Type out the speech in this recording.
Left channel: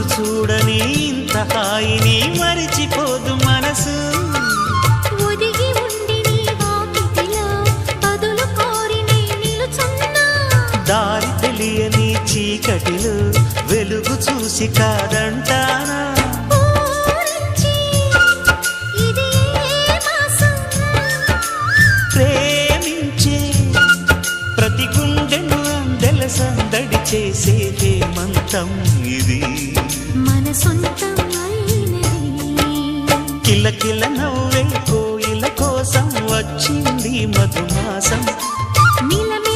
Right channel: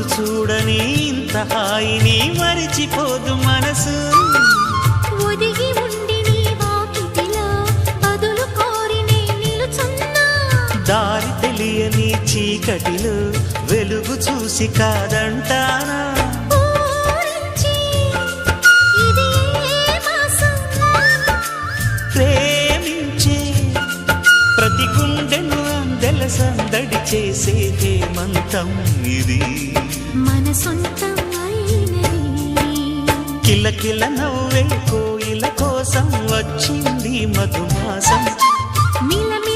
రోజు చూడని ఇంత హాయిని మరిచిపోదు మనసు. ఒదిగి ఉండి నీ వాకిటిలో బదులు కోరి నే నిలుచున్నా. దారి తెలియని చీకటిలో వెలుగు చూసి కాదంటానా. ఊరించి ఇది ఏ మాసం? ప్రేమించే ప్రతి గుండెను అందెల సందడి చేసే హేమంతం ఇది. మన సొంతం అయినది. కిలకిల నవ్వే కోయిల కోసం వచ్చింది మధుమాసం. మిలమిల